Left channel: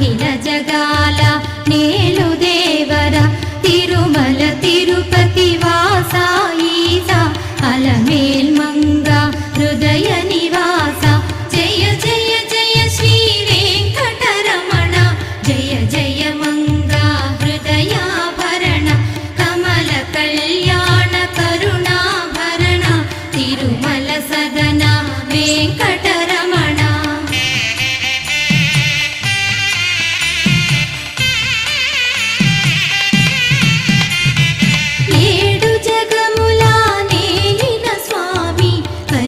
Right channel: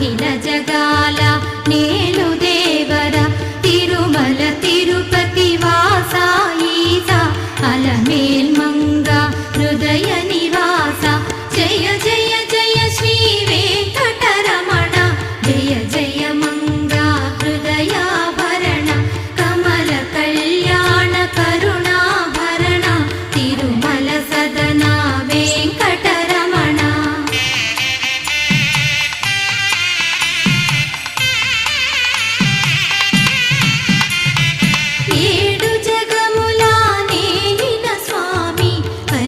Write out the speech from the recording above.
అఖిల జగాల నేలు దేవర తిరుమల తిరుపతి వాస ఈస అలమేల్ మంగ హృదయ నివాస జయ జయ జయ శ్రీ వెంకటరమణ జయ జయ మంగ హృదయాభరణ కమల కళ్యాణ కరుణాభరణ తిరుమల సదన వెంకట